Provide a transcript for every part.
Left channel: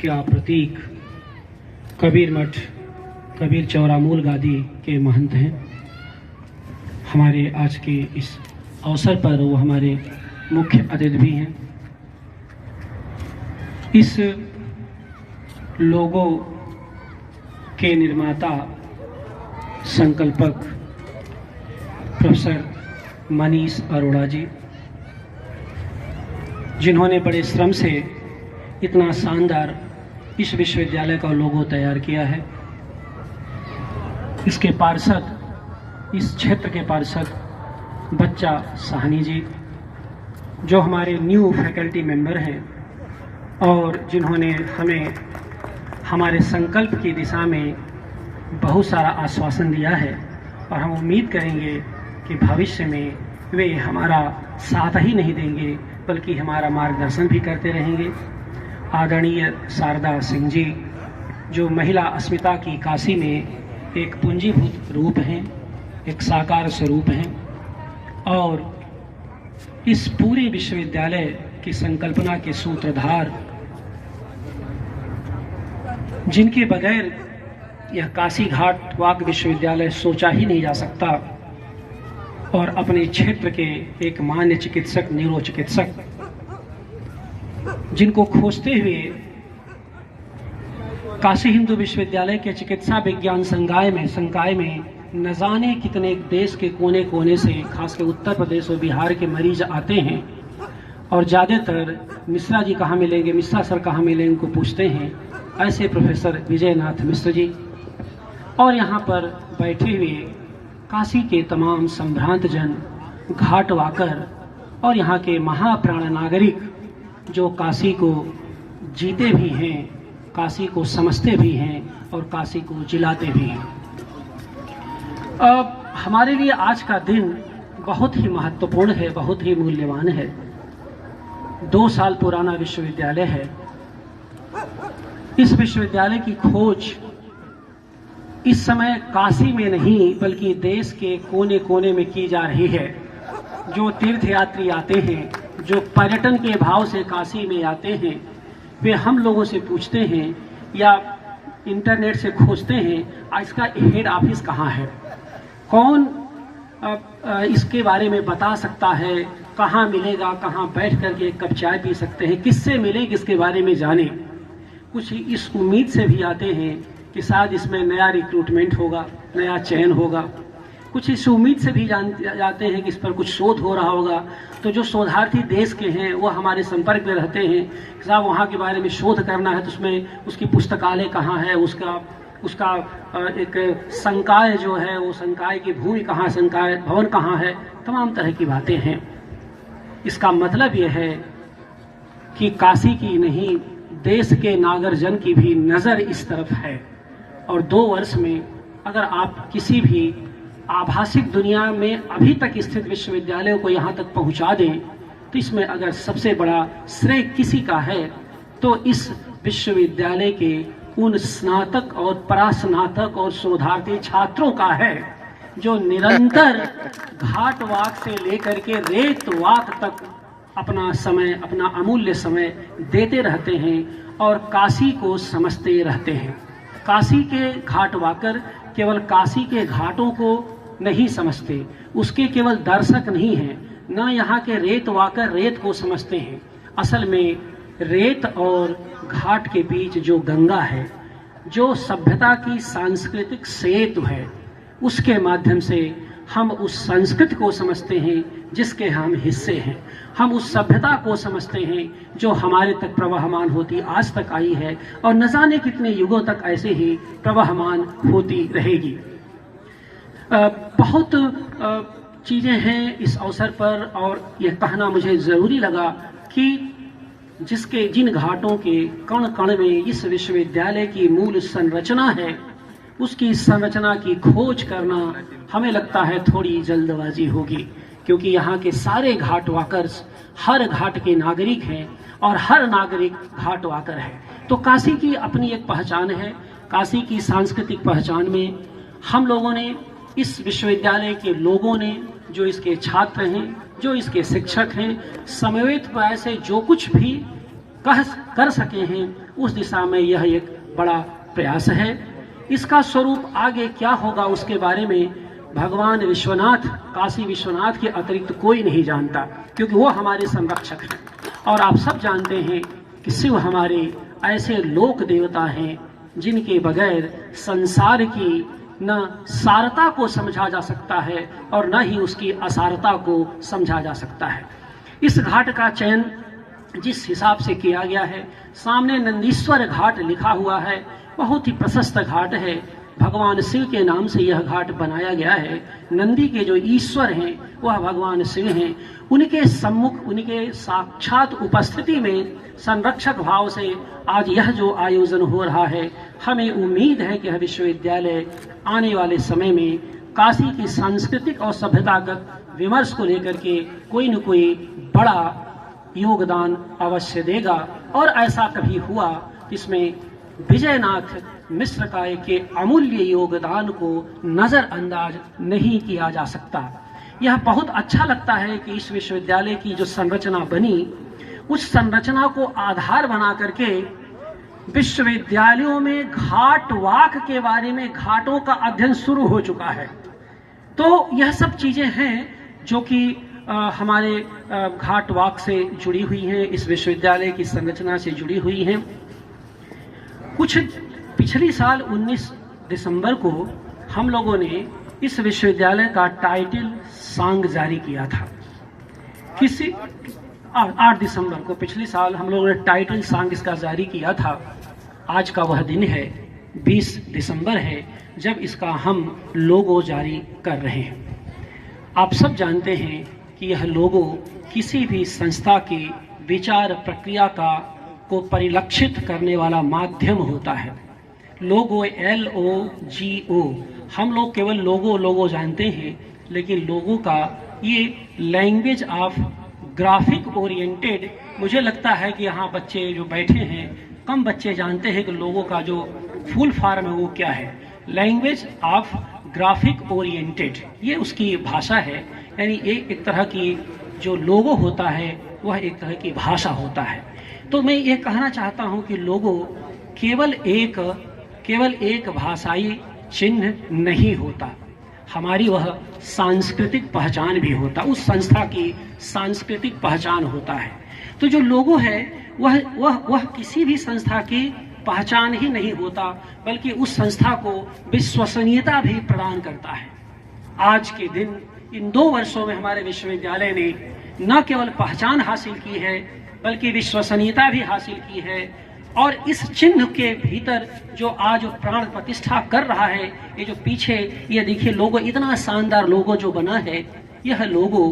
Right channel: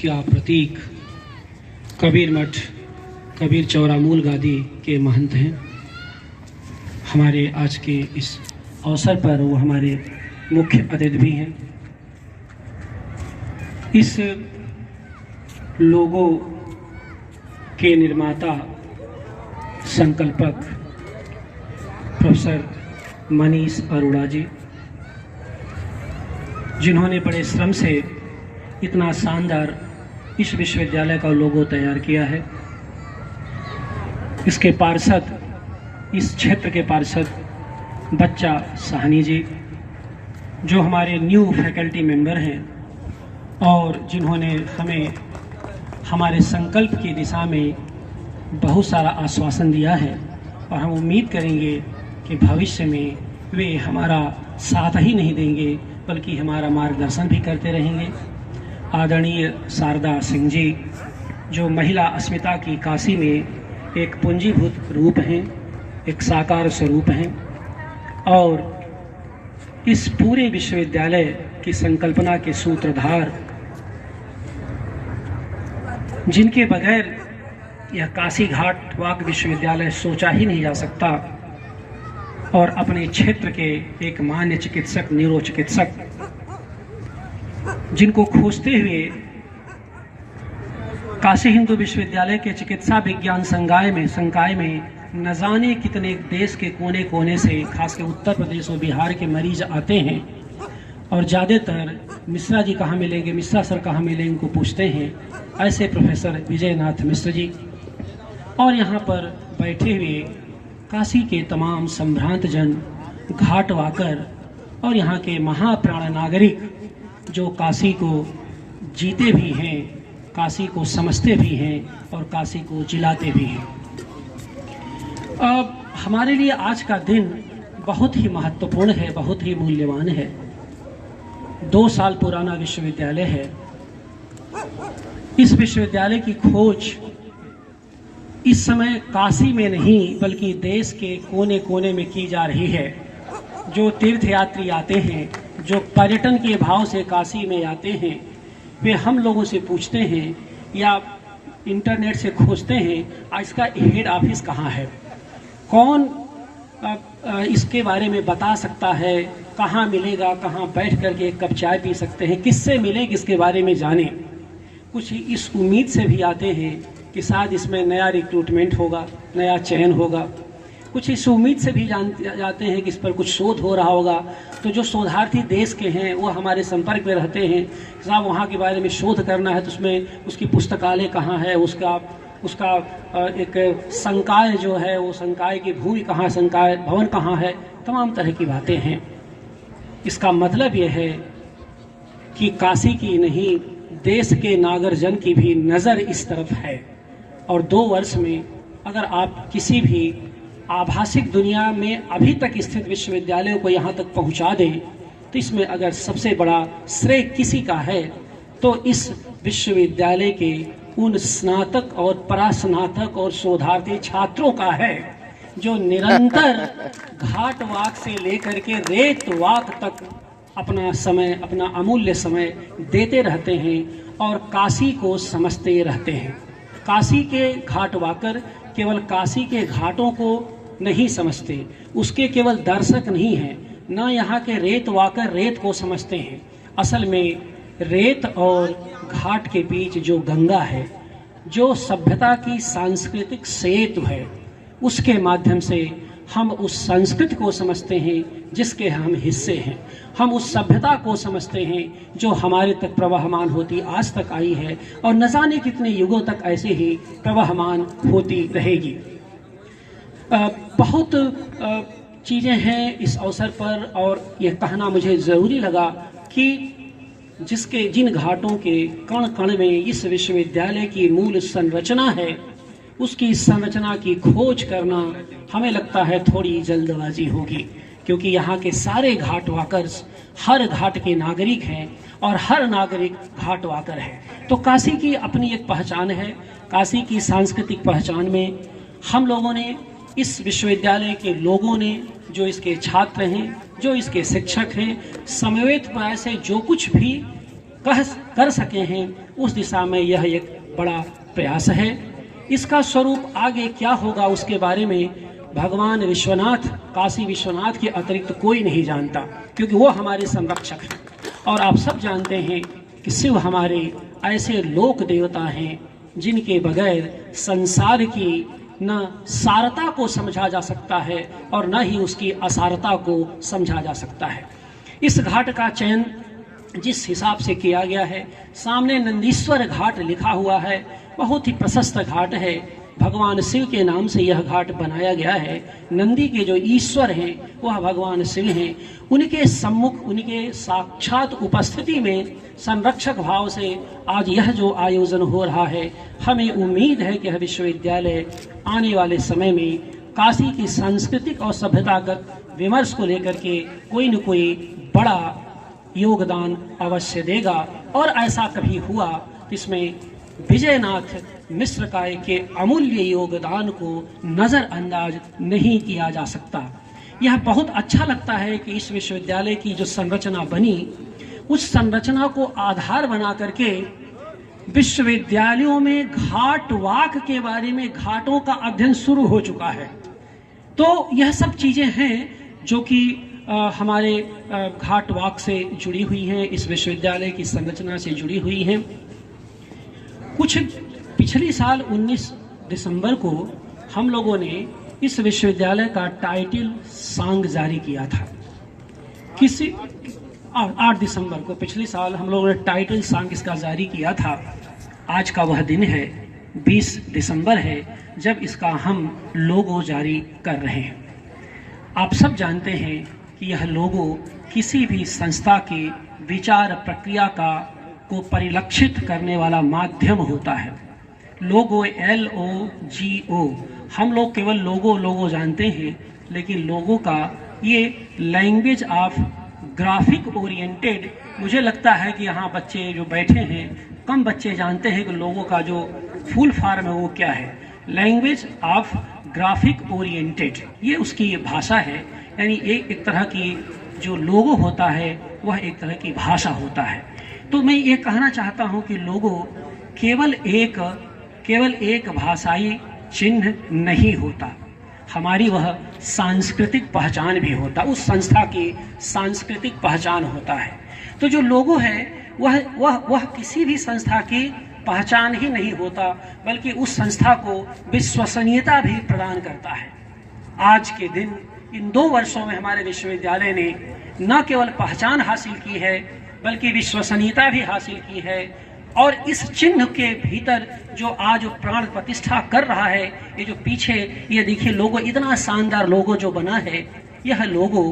जिसका प्रतीक कबीर मठ कबीर चौरा मूल गादी के महंत हैं। हमारे आज के इस अवसर पर वो हमारे मुख्य अतिथि भी हैं। इस लोगो के निर्माता संकल्पक प्रोफेसर मनीष अरोड़ा जी, जिन्होंने बड़े श्रम से इतना शानदार इस विश्वविद्यालय का लोगो तैयार किया है। इसके पार्षद, इस क्षेत्र के पार्षद बच्चा साहनी जी, जो हमारे न्यू फैकल्टी मेंबर हैं और जिन्होंने हमें हमारे संकल्प की दिशा में बहुत सारा आश्वासन दिया है, और हम उम्मीद करेंगे कि भविष्य में वे हमारा साथ ही नहीं देंगे बल्कि हमारा मार्गदर्शन भी करते रहेंगे। आदरणीय शारदा सिंह जी, जो महिला अस्मिता की काशी में एक पूंजीभूत रूप हैं, एक साकार स्वरूप हैं और इस पूरे विश्वविद्यालय की संकल्पना के सूत्रधार, जिनके बगैर यह काशी घाट वाक विश्वविद्यालय सोचा ही नहीं जा सकता, और अपने क्षेत्र के एक मान्य चिकित्सक, न्यूरोचिकित्सक, जिनको खोजते हुए काशी हिंदू विश्वविद्यालय के चिकित्सा विज्ञान संकाय में न जाने कितने देश के कोने कोने से, खासकर उत्तर प्रदेश और बिहार के मरीज आते हैं, और ज़्यादातर मिश्रा जी कहाँ मिलेंगे, मिश्रा सर कहाँ मिलेंगे को पूछते हैं। ऐसे प्रोफेसर विजयनाथ मिश्र जी, और यहाँ पर बैठे हुए काशी के तमाम संभ्रांत जन, घाट वाकर और यहाँ के महाप्राण नागरिक, जो काशी को जीते भी हैं, काशी को समझते भी हैं और काशी को जिलाते भी हैं। अब हमारे लिए आज का दिन बहुत ही महत्वपूर्ण है, बहुत ही मूल्यवान है। 2 साल पुराना विश्वविद्यालय है। इस विश्वविद्यालय की खोज इस समय काशी में नहीं बल्कि देश के कोने कोने में की जा रही है। जो तीर्थयात्री आते हैं, जो पर्यटन के भाव से काशी में आते हैं, वे हम लोगों से पूछते हैं या इंटरनेट से खोजते हैं इसका हेड ऑफिस कहाँ है, कौन इसके बारे में बता सकता है, कहाँ मिलेगा, कहाँ बैठ करके एक कप चाय पी सकते हैं, किससे मिले, किसके बारे में जाने। कुछ इस उम्मीद से भी आते हैं कि शायद इसमें नया रिक्रूटमेंट होगा, नया चयन होगा। कुछ इस उम्मीद से भी जाते हैं कि इस पर कुछ शोध हो रहा होगा। तो जो शोधार्थी देश के हैं वो हमारे संपर्क में रहते हैं, साहब वहाँ के बारे में शोध करना है तो उसमें उसकी पुस्तकालय कहाँ है, उसका एक संकाय जो है, वो संकाय की भूमि कहाँ, संकाय भवन कहाँ है, तमाम तरह की बातें हैं। इसका मतलब यह है कि काशी की नहीं, देश के नागरजन की भी नज़र इस तरफ है। और 2 वर्ष में अगर आप किसी भी आभासिक दुनिया में अभी तक स्थित विश्वविद्यालयों को यहाँ तक पहुँचा दें, तो इसमें अगर सबसे बड़ा श्रेय किसी का है तो इस विश्वविद्यालय के उन स्नातक और परास्नातक और शोधार्थी छात्रों का है, जो निरंतर घाट वाक से लेकर के रेत वाक तक अपना समय, अपना अमूल्य समय देते रहते हैं और काशी को समझते रहते हैं। काशी के घाट वाकर केवल काशी के घाटों को नहीं समझते, उसके केवल दर्शक नहीं हैं, न यहाँ के रेत वाकर रेत को समझते हैं। असल में रेत और घाट के बीच जो गंगा है, जो सभ्यता की सांस्कृतिक सेतु है, उसके माध्यम से हम उस संस्कृति को समझते हैं जिसके हम हिस्से हैं। हम उस सभ्यता को समझते हैं जो हमारे तक प्रवाहमान होती आज तक आई है और न जाने कितने युगों तक ऐसे ही प्रवाहमान होती रहेगी। बहुत चीज़ें हैं इस अवसर पर, और यह कहना मुझे ज़रूरी लगा कि जिन घाटों के कण कण में इस विश्वविद्यालय की मूल संरचना है, उसकी संरचना की खोज करना हमें लगता है थोड़ी जल्दबाजी होगी, क्योंकि यहाँ के सारे घाट वाकर्स हर घाट के नागरिक हैं और हर नागरिक घाट वाकर है। तो काशी की अपनी एक पहचान है। काशी की सांस्कृतिक पहचान में हम लोगों ने, इस विश्वविद्यालय के लोगों ने, जो इसके छात्र हैं, जो इसके शिक्षक हैं, समवेत प्रयास से जो कुछ भी कर सके हैं, उस दिशा में यह एक बड़ा प्रयास है। इसका स्वरूप आगे क्या होगा उसके बारे में भगवान विश्वनाथ, काशी विश्वनाथ के अतिरिक्त कोई नहीं जानता, क्योंकि वो हमारे संरक्षक हैं। और आप सब जानते हैं कि शिव हमारे ऐसे लोक देवता हैं जिनके बगैर संसार की न सारता को समझा जा सकता है और न ही उसकी असारता को समझा जा सकता है। इस घाट का चयन जिस हिसाब से किया गया है, सामने नंदीश्वर घाट लिखा हुआ है, बहुत ही प्रशस्त घाट है। भगवान शिव के नाम से यह घाट बनाया गया है। नंदी के जो ईश्वर हैं वह भगवान शिव हैं। उनके सम्मुख, उनके साक्षात उपस्थिति में संरक्षक भाव से आज यह जो आयोजन हो रहा है, हमें उम्मीद है कि यह विश्वविद्यालय आने वाले समय में काशी की सांस्कृतिक और सभ्यतागत विमर्श को लेकर के कोई न कोई बड़ा योगदान अवश्य देगा। और ऐसा कभी हुआ इसमें विजयनाथ मिश्र काय के अमूल्य योगदान को नज़रअंदाज नहीं किया जा सकता। यह बहुत अच्छा लगता है कि इस विश्वविद्यालय की जो संरचना बनी, उस संरचना को आधार बना करके विश्वविद्यालयों में घाट वाक के बारे में, घाटों का अध्ययन शुरू हो चुका है। तो यह सब चीज़ें हैं जो कि हमारे घाट वाक से जुड़ी हुई हैं, इस विश्वविद्यालय की संरचना से जुड़ी हुई हैं। कुछ पिछली साल 19 दिसंबर को हम लोगों ने इस विश्वविद्यालय का टाइटल सॉन्ग जारी किया था। 8 दिसंबर को पिछली साल हम लोगों ने टाइटल सॉन्ग इसका जारी किया था। आज का वह दिन है, 20 दिसंबर है, जब इसका हम लोगो जारी कर रहे हैं। आप सब जानते हैं कि यह लोगो किसी भी संस्था की विचार प्रक्रिया को परिलक्षित करने वाला माध्यम होता है। लोगो, LOGO, हम लोग केवल लोगो जानते हैं, लेकिन लोगो का ये लैंग्वेज ऑफ ग्राफिक ओरिएंटेड, मुझे लगता है कि यहाँ बच्चे जो बैठे हैं, कम बच्चे जानते हैं कि लोगो का जो फुल फॉर्म है वो क्या है। लैंग्वेज ऑफ ग्राफिक ओरिएंटेड, ये उसकी भाषा है। यानी एक तरह की जो लोगो होता है वह एक तरह की भाषा होता है। तो मैं ये कहना चाहता हूँ कि लोगो केवल एक भाषाई चिन्ह नहीं होता, हमारी वह सांस्कृतिक पहचान भी होता, उस संस्था की सांस्कृतिक पहचान होता है। तो जो लोगो है वह किसी भी संस्था की पहचान ही नहीं होता, बल्कि उस संस्था को विश्वसनीयता भी प्रदान करता है। आज के दिन इन 2 वर्षों में हमारे विश्वविद्यालय ने न केवल पहचान हासिल की है, बल्कि विश्वसनीयता भी हासिल की है। और इस चिन्ह के भीतर जो आज प्राण प्रतिष्ठा कर रहा है, ये जो पीछे ये देखिए लोगो, इतना शानदार लोगो जो बना है, यह लोगो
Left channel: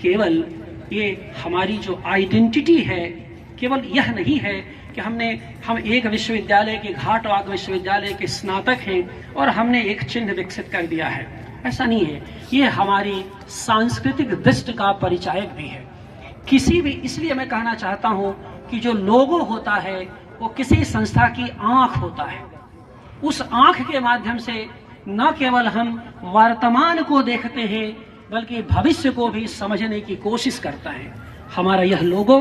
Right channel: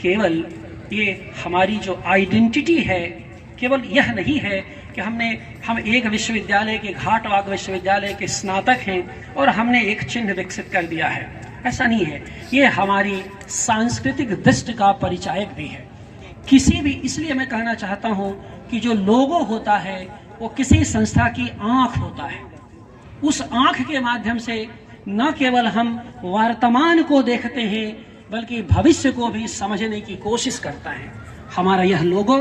केवल ये हमारी जो आइडेंटिटी है, केवल यह नहीं है कि हम एक विश्वविद्यालय के, घाटवाक विश्वविद्यालय के स्नातक हैं और हमने एक चिन्ह विकसित कर दिया है, ऐसा नहीं है। ये हमारी सांस्कृतिक दृष्टि का परिचायक भी है। किसी भी, इसलिए मैं कहना चाहता हूँ कि जो लोगो होता है वो किसी संस्था की आंख होता है। उस आंख के माध्यम से न केवल हम वर्तमान को देखते हैं, बल्कि भविष्य को भी समझने की कोशिश करता है। हमारा यह लोगो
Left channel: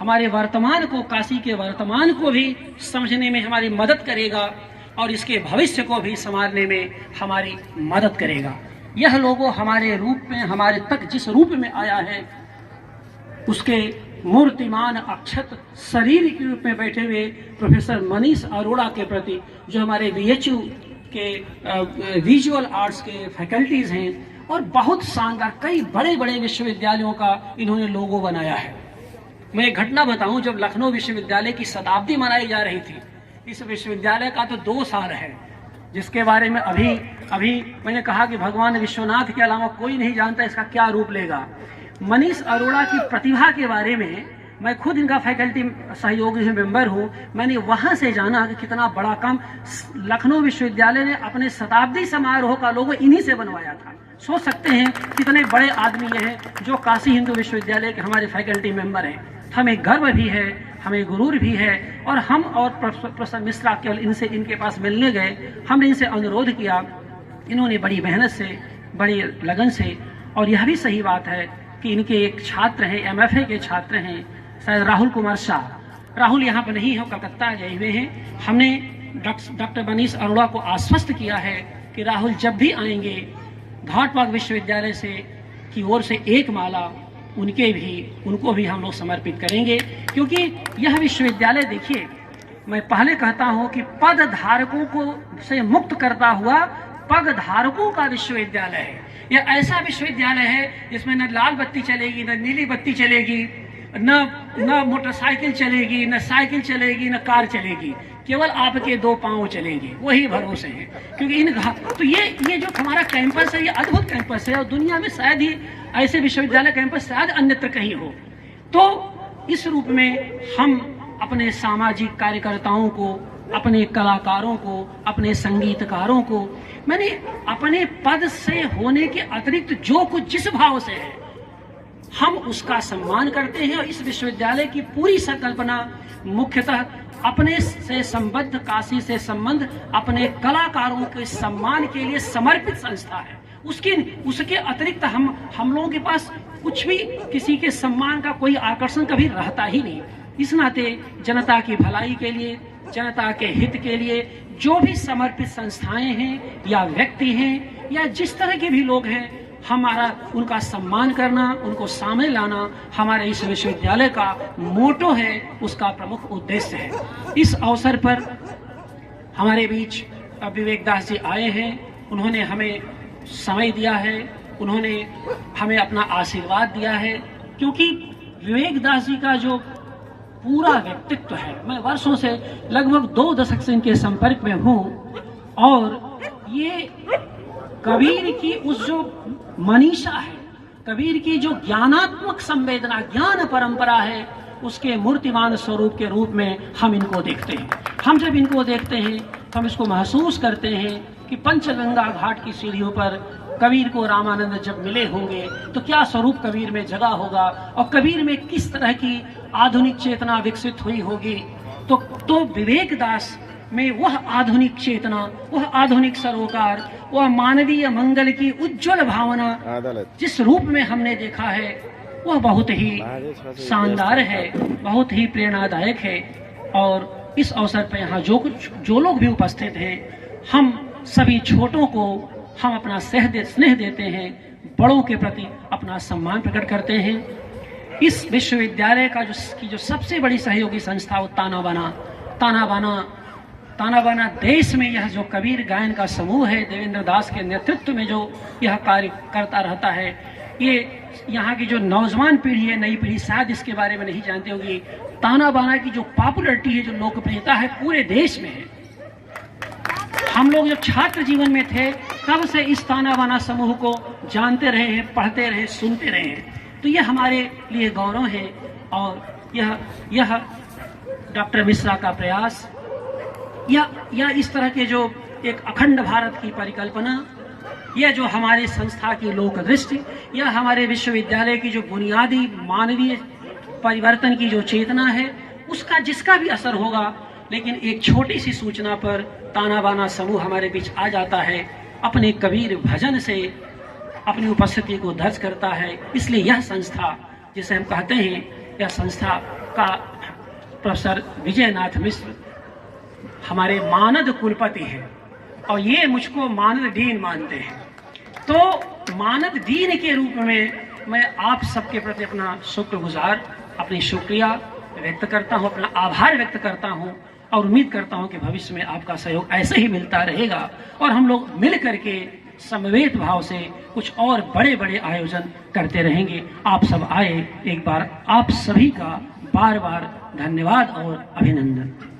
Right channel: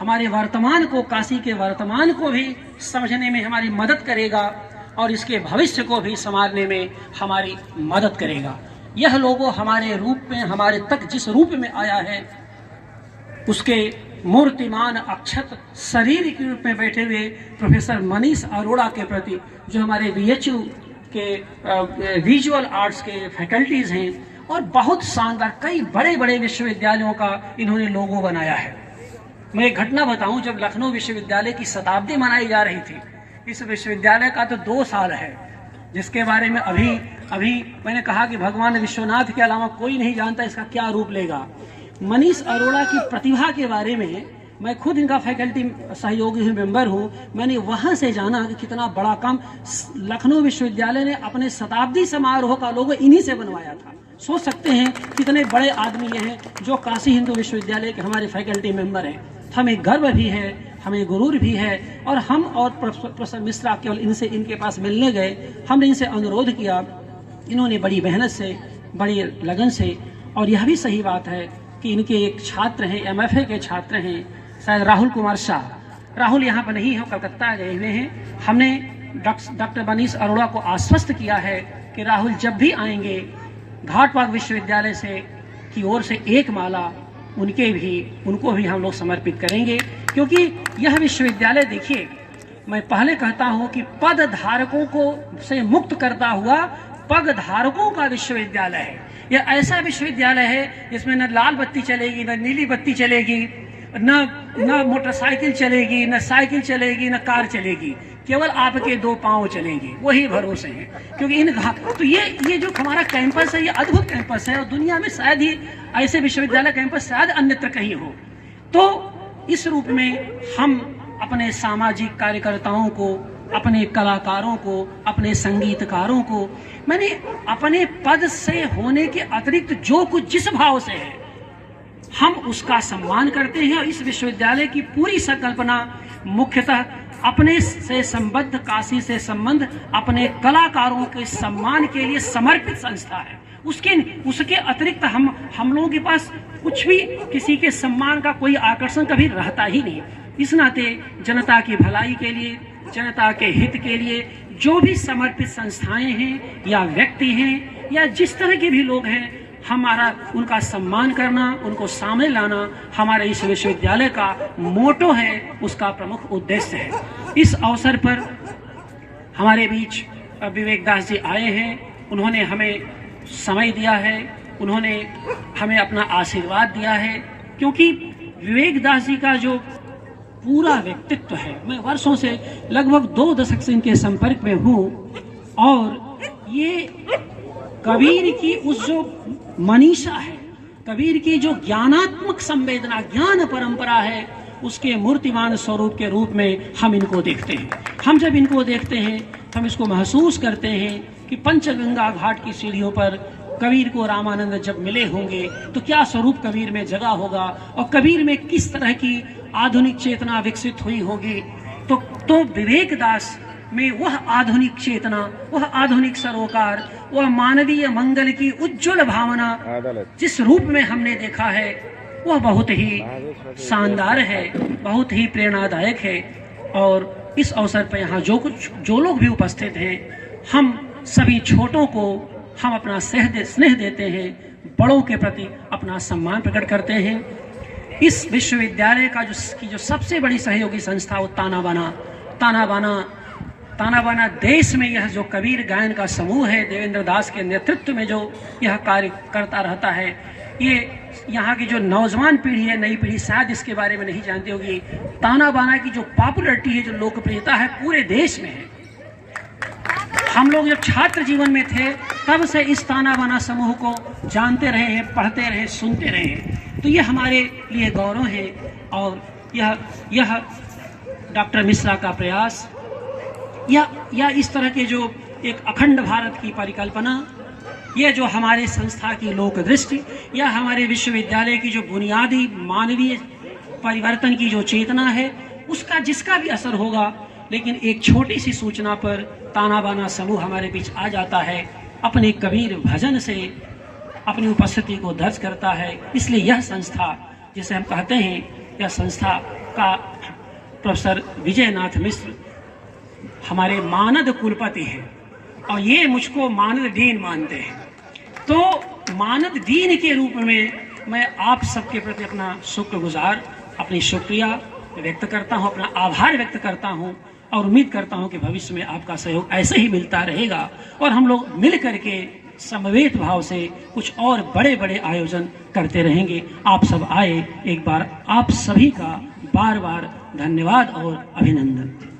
हमारे वर्तमान को, काशी के वर्तमान को भी समझने में हमारी मदद करेगा और इसके भविष्य को भी संवारने में हमारी मदद करेगा। यह लोगो हमारे रूप में, हमारे तक जिस रूप में आया है, उसके मूर्तिमान अक्षत शरीर के रूप में बैठे हुए प्रोफेसर मनीष अरोड़ा के प्रति, जो हमारे VHU के विजुअल आर्ट्स के फैकल्टीज हैं, और बहुत शानदार कई बड़े बड़े विश्वविद्यालयों का इन्होंने लोगो बनाया है। मैं एक घटना बताऊं, जब लखनऊ विश्वविद्यालय की शताब्दी मनाई जा रही थी, इस विश्वविद्यालय का तो 2 साल है, जिसके बारे में अभी मैंने कहा कि भगवान विश्वनाथ के अलावा कोई नहीं जानता इसका क्या रूप लेगा। मनीष अरोड़ा की प्रतिभा के बारे में मैं खुद इनका फैकल्टी सहयोगी मेंबर हूँ। मैंने वहाँ से जाना कि कितना बड़ा काम लखनऊ विश्वविद्यालय ने अपने शताब्दी समारोह का लोगो इन्हीं से बनवाया था। सोच सकते हैं कितने बड़े आदमी ये हैं जो काशी हिंदू विश्वविद्यालय के हमारे फैकल्टी मेंबर हैं। हमें गर्व भी है, हमें गुरूर भी है। और हम और प्रोफेसर मिश्रा केवल इनके पास मिलने गए, हमने इनसे अनुरोध किया, इन्होंने बड़ी मेहनत से, बड़ी लगन से, और यह भी सही बात है कि इनके एक छात्र हैं, MFA के छात्र हैं, शायद राहुल कुमार शाह, राहुल यहाँ पर नहीं है, कलकत्ता गए हुए हैं। हमने डॉक्टर मनीष अरोड़ा को आश्वस्त किया है कि राहुल जब भी आएंगे घाटपाद विश्वविद्यालय से की ओर से एक माला उनको भी हम लोग समर्पित करेंगे, क्योंकि यह विश्वविद्यालय देखिए, मैं पहले कहता हूं कि पद धारकों को से मुक्त करता हुआ पद धारकों का विश्वविद्यालय है। यह ऐसा विश्वविद्यालय है जिसमें न लाल बत्ती चलेगी, न नीली बत्ती चलेगी, न मोटरसाइकिल चलेगी, न साइकिल चलेगी, न कार चलेगी, केवल आपके दो पांव चलेंगे, वही भरोसे हैं। क्योंकि तो ये जो हमारा कैंपस है, ये अद्भुत कैंपस है और दुनिया में शायद ही ऐसे विश्वविद्यालय कैंपस शायद अन्यत्र कहीं हो। तो इस रूप में हम अपने सामाजिक कार्यकर्ताओं को, अपने कलाकारों को, अपने संगीतकारों को, मैंने अपने पद से होने के अतिरिक्त जो कुछ जिस भाव से है हम उसका सम्मान करते हैं। और इस विश्वविद्यालय की पूरी संकल्पना मुख्यतः अपने से संबद्ध, काशी से संबंध, अपने कलाकारों के सम्मान के लिए समर्पित संस्था है। उसके अतिरिक्त हम लोगों के पास कुछ भी किसी के सम्मान का कोई आकर्षण कभी रहता ही नहीं। इस नाते जनता की भलाई के लिए, जनता के हित के लिए जो भी समर्पित संस्थाएं हैं या व्यक्ति हैं या जिस तरह के भी लोग हैं, हमारा उनका सम्मान करना, उनको सामने लाना हमारे इस विश्वविद्यालय का मोटो है, उसका प्रमुख उद्देश्य है। इस अवसर पर हमारे बीच विवेक दास जी आए हैं। उन्होंने हमें समय दिया है, उन्होंने हमें अपना आशीर्वाद दिया है, क्योंकि विवेक दास जी का जो पूरा व्यक्तित्व है, मैं वर्षों से लगभग 2 दशक से इनके संपर्क में हूँ, और ये कबीर की उस जो मनीषा है, कबीर की जो ज्ञानात्मक संवेदना, ज्ञान परंपरा है, उसके मूर्तिमान स्वरूप के रूप में हम इनको देखते हैं। हम जब इनको देखते हैं हम इसको महसूस करते हैं कि पंचगंगा घाट की सीढ़ियों पर कबीर को रामानंद जब मिले होंगे तो क्या स्वरूप कबीर में जगा होगा और कबीर में किस तरह की आधुनिक चेतना विकसित हुई होगी। तो विवेक दास में वह आधुनिक चेतना, वह आधुनिक सरोकार, वह मानवीय मंगल की उज्जवल भावना जिस रूप में हमने देखा है, वह बहुत ही शानदार है, बहुत ही प्रेरणादायक है। और इस अवसर पर यहाँ जो लोग भी उपस्थित हैं, हम सभी छोटों को हम अपना स्नेह देते हैं, बड़ों के प्रति अपना सम्मान प्रकट करते हैं। इस विश्वविद्यालय का जो सबसे बड़ी सहयोगी संस्था वो ताना बाना देश में यह जो कबीर गायन का समूह है, देवेंद्र दास के नेतृत्व में जो यह कार्य करता रहता है, ये यहाँ की जो नौजवान पीढ़ी है, नई पीढ़ी शायद इसके बारे में नहीं जानती होगी। ताना बाना की जो पॉपुलरिटी है, जो लोकप्रियता है, पूरे देश में है। हम लोग जब छात्र जीवन में थे तब से इस ताना बाना समूह को जानते रहे हैं, पढ़ते रहे, सुनते रहे हैं। तो ये हमारे लिए गौरव है। और यह डॉक्टर मिश्रा का प्रयास या इस तरह के जो एक अखंड भारत की परिकल्पना, यह जो हमारे संस्था की लोक दृष्टि, या हमारे विश्वविद्यालय की जो बुनियादी मानवीय परिवर्तन की जो चेतना है, उसका जिसका भी असर होगा। लेकिन एक छोटी सी सूचना पर ताना बाना समूह हमारे बीच आ जाता है, अपने कबीर भजन से अपनी उपस्थिति को दर्ज करता है। इसलिए यह संस्था जिसे हम कहते हैं, यह संस्था का प्रोफेसर विजयनाथ मिश्र हमारे मानद कुलपति हैं और ये मुझको मानद डीन मानते हैं। तो मानद डीन के रूप में मैं आप सबके प्रति अपना शुक्रगुजार, अपनी शुक्रिया व्यक्त करता हूँ, अपना आभार व्यक्त करता हूँ और उम्मीद करता हूँ कि भविष्य में आपका सहयोग ऐसे ही मिलता रहेगा और हम लोग मिल करके समवेत भाव से कुछ और बड़े बड़े आयोजन करते रहेंगे। आप सब आए, एक बार आप सभी का बार बार धन्यवाद और अभिनंदन।